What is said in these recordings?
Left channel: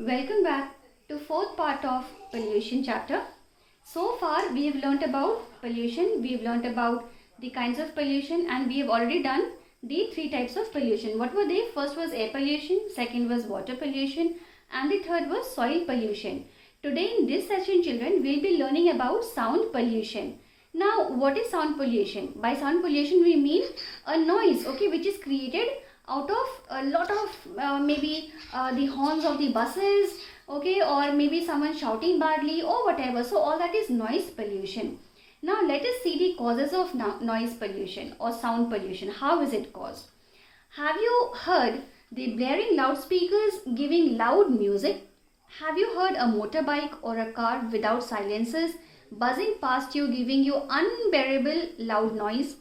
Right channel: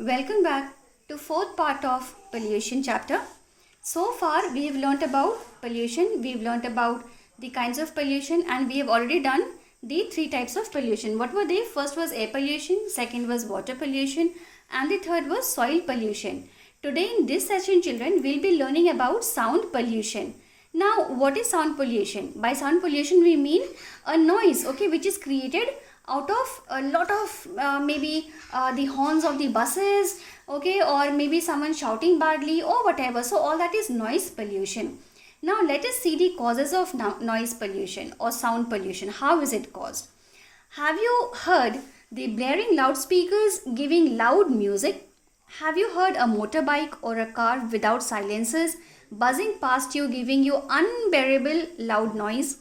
Welcome back to fourth part of pollution chapter. So far we've learnt about pollution, we've learnt about the kinds of pollution, and we have already done the three types of pollution. What were they? First was air pollution, second was water pollution, and the third was soil pollution. Today in this session, children, we'll be learning about sound pollution. Now, what is sound pollution? By sound pollution we mean a noise, okay, which is created out of a lot of maybe the horns of the buses, okay, or maybe someone shouting badly or whatever. So all that is noise pollution. Now let us see the causes of noise pollution or sound pollution. How is it caused? Have you heard the blaring loudspeakers giving loud music? Have you heard a motorbike or a car without silencers buzzing past you, giving you unbearable loud noise?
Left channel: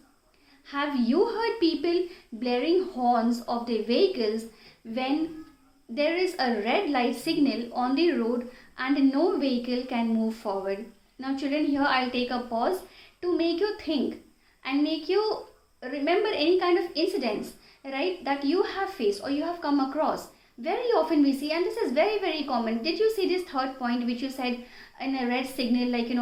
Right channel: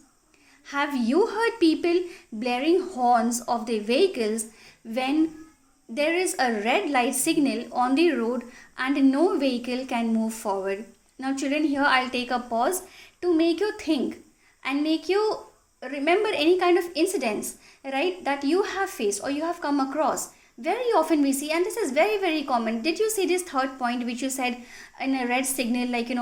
Have you heard people blaring horns of their vehicles when there is a red light signal on the road and no vehicle can move forward? Now children, here I'll take a pause to make you think and make you remember any kind of incidents, right, that you have faced or you have come across. Very often we see, and this is very common. Did you see this third point which you said in a red signal, like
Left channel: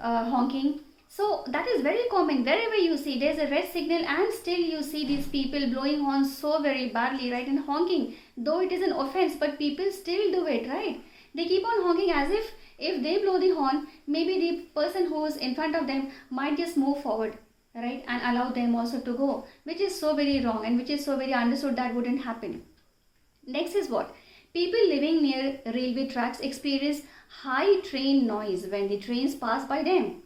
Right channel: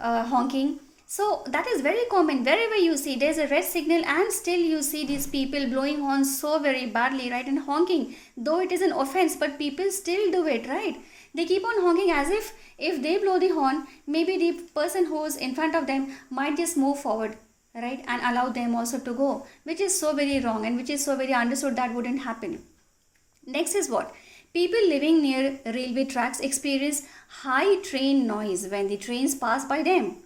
honking? So that is very common. Wherever you see there's a red signal and still you see these people blowing horns so very badly, right, and honking. Though it is an offense, but people still do it, right? They keep on honking as if they blow the horn, maybe the person who is in front of them might just move forward, right, and allow them also to go, which is so very wrong and which is so very understood that wouldn't happen. Next is what? People living near railway tracks experience high train noise when the trains pass by them.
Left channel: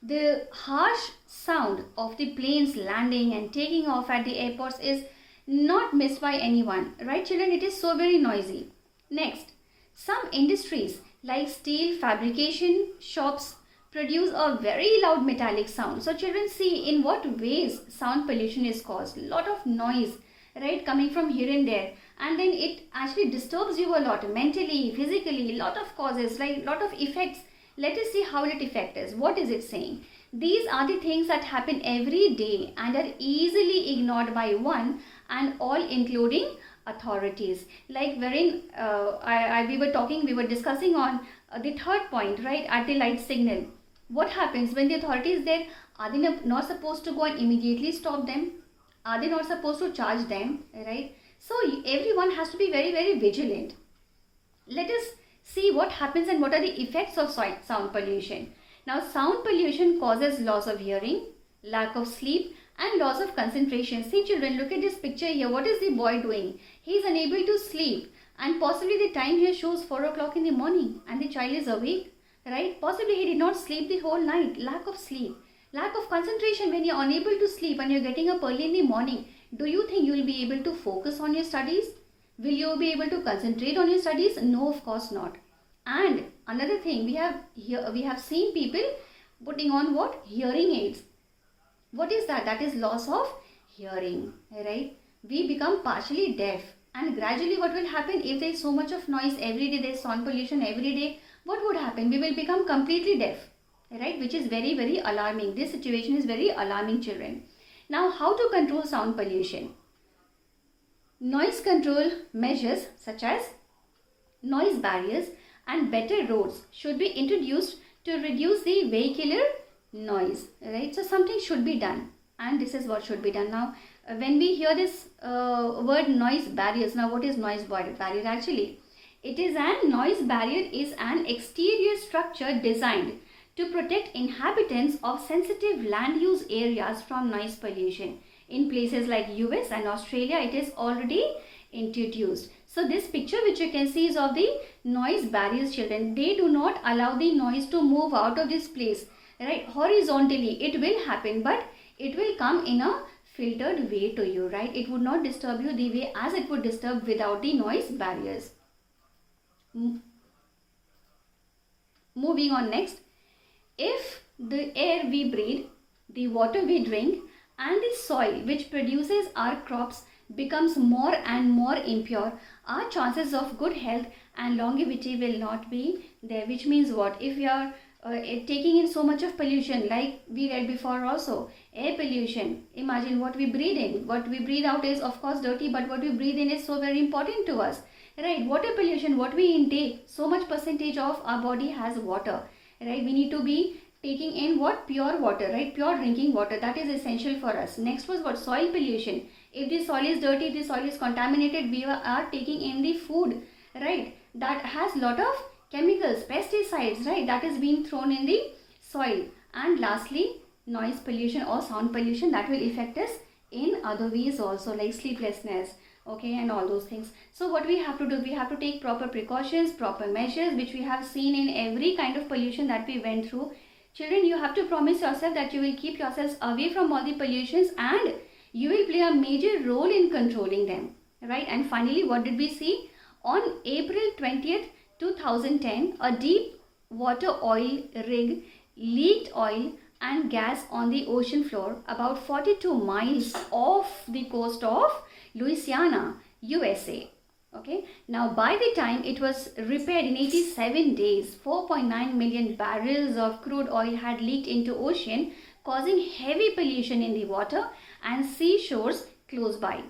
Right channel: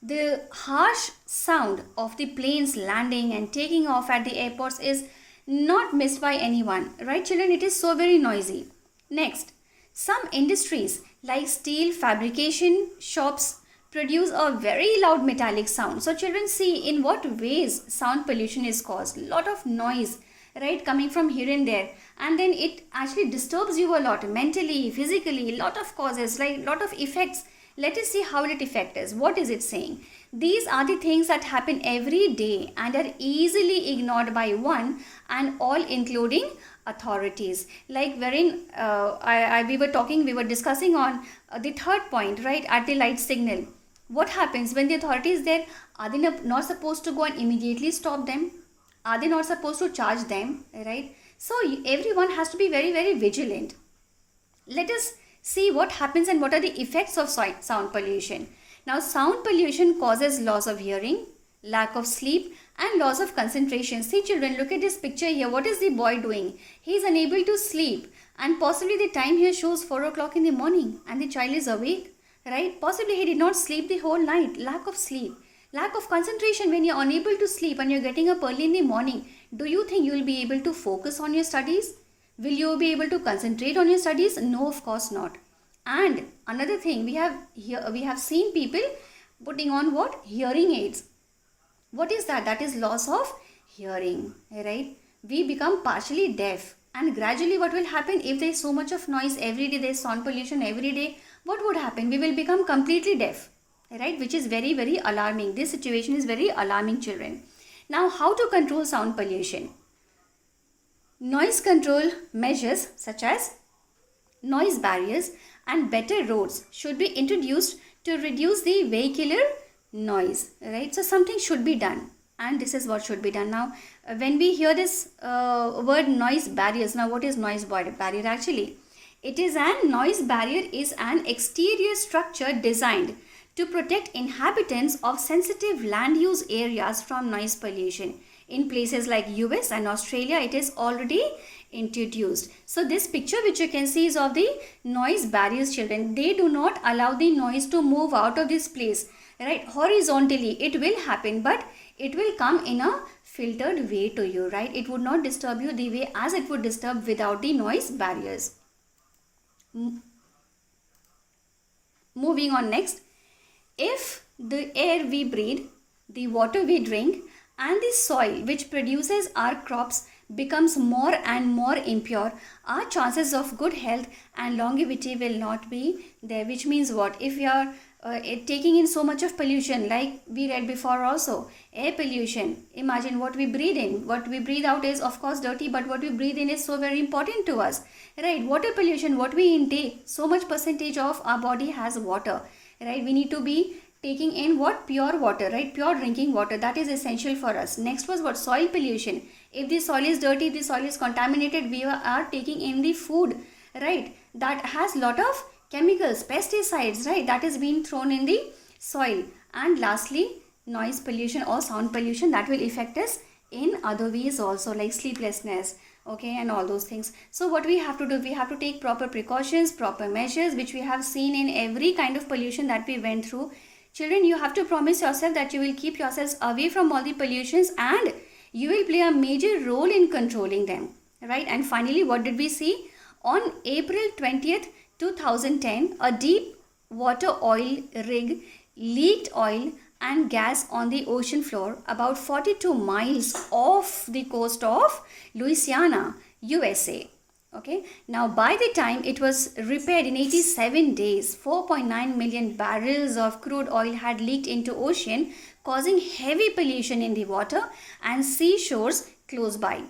The harsh sound of the planes landing and taking off at the airports is not missed by anyone, right children? It is so very noisy. Next, some industries like steel fabrication shops produce a very loud metallic sound. So children, see in what ways sound pollution is caused. Lot of noise, right, coming from here and there, and then it actually disturbs you a lot mentally, physically, lot of causes, right, lot of effects. Let us see how it affects us. What is it saying? These are the things that happen every day and are easily ignored by one and all, including authorities. Like wherein we were discussing on the third point, right, at the light signal. What happens when the authority is there? Are they not supposed to go and immediately stop them? Are they not supposed to charge them, right? So everyone has to be very vigilant. Let us see what happens and what are the effects of sound pollution. Now, sound pollution causes loss of hearing, lack of sleep, and loss of concentration. See children, look at this picture here. What is the boy doing? He is unable to sleep, and possibly the time here shows 4 o'clock in the morning and the child is awake, right? Possibly he did not sleep the whole night. Lack of sleep, lack of concentration. When you're unable to sleep and you're getting up early in the morning, do you think you will be able to focus on your studies? Will you be able to concentrate on your studies? No, of course not. And another thing, we have seen people putting on what? Hearing aids. What is that? That is loss of hearing, right? We become partially deaf, and gradually what will happen if there is so much of noise every day, there is sound pollution every day, what would happen? We will become completely deaf, right? Which is very alarming. This situation is very alarming, children. Now, how to control sound pollution? Noise control measures such as noise barriers and better roads should be introduced to reduce the vehicular noise, right? So something should be done, and this is what should be done. Now when we hear this word noise barriers, now what is noise barrier actually? It is noise barrier is an exterior structure designed to protect inhabitants of sensitive land use areas from noise pollution. In places like US and Australia, it is already introduced. So this picture which you can see is of the noise barriers, children. They do not allow the noise to move out of this place, right, horizontally. It will happen, but it will come in a filtered way to you, right? It would not disturb you the way as it would disturb without the noise barriers. Moving on next. If the air we breathe, the water we drink, and the soil which produces our crops becomes more and more impure, our chances of good health and longevity will not be there. Which means what? If your taking in so much of pollution, like we read before also. Air pollution, imagine what we breathe in. What we breathe out is of course dirty, but what we breathe in is so very important to us, right? Water pollution, what we intake, so much percentage of our body has water, right? We need to be taking in what? Pure water, right? Pure drinking water, that is essential for us. Next was what? Soil pollution. If the soil is dirty, if the soil is contaminated, we are taking in the food, right? That has lot of chemicals, pesticides, right? That is being thrown in the soil. And lastly, noise pollution or sound pollution, that will affect us in other ways also, like sleeplessness, okay, and all those things. So what we have to do, we have to take proper precautions, proper measures, which we have seen in every kind of pollution that we went through. Children, you have to promise yourself that you will keep yourselves away from all the pollutions and you will play a major role in controlling them, right? And finally, what did we see? On April 20th, 2010, a deep water oil rig leaked oil and gas on the ocean floor about 42 miles off the coast of Louisiana, USA. Okay, now by the time it was repaired in 87 days, 4.9 million barrels of crude oil had leaked into ocean, causing heavy pollution in the water and seashores close by.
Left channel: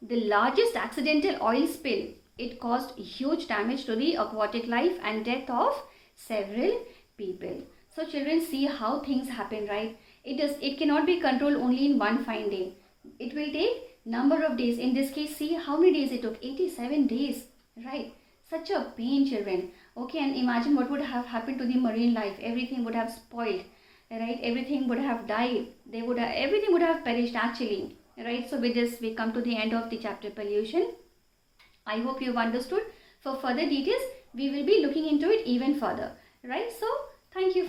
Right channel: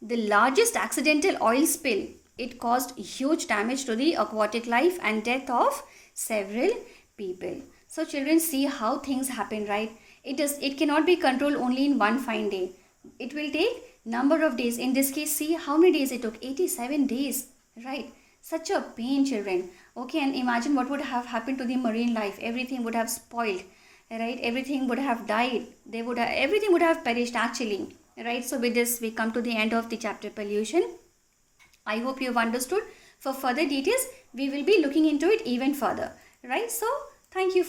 The largest accidental oil spill, it caused huge damage to the aquatic life and death of several people. So children, see how things happen, right? It cannot be controlled only in one fine day. It will take number of days. In this case, see how many days it took. 87 days, right? Such a pain, children. Okay, and imagine what would have happened to the marine life. Everything would have spoiled, right? Everything would have died. Everything would have perished actually, right? So with this, we come to the end of the chapter pollution. I hope you've understood. For further details, we will be looking into it even further, right? So thank you for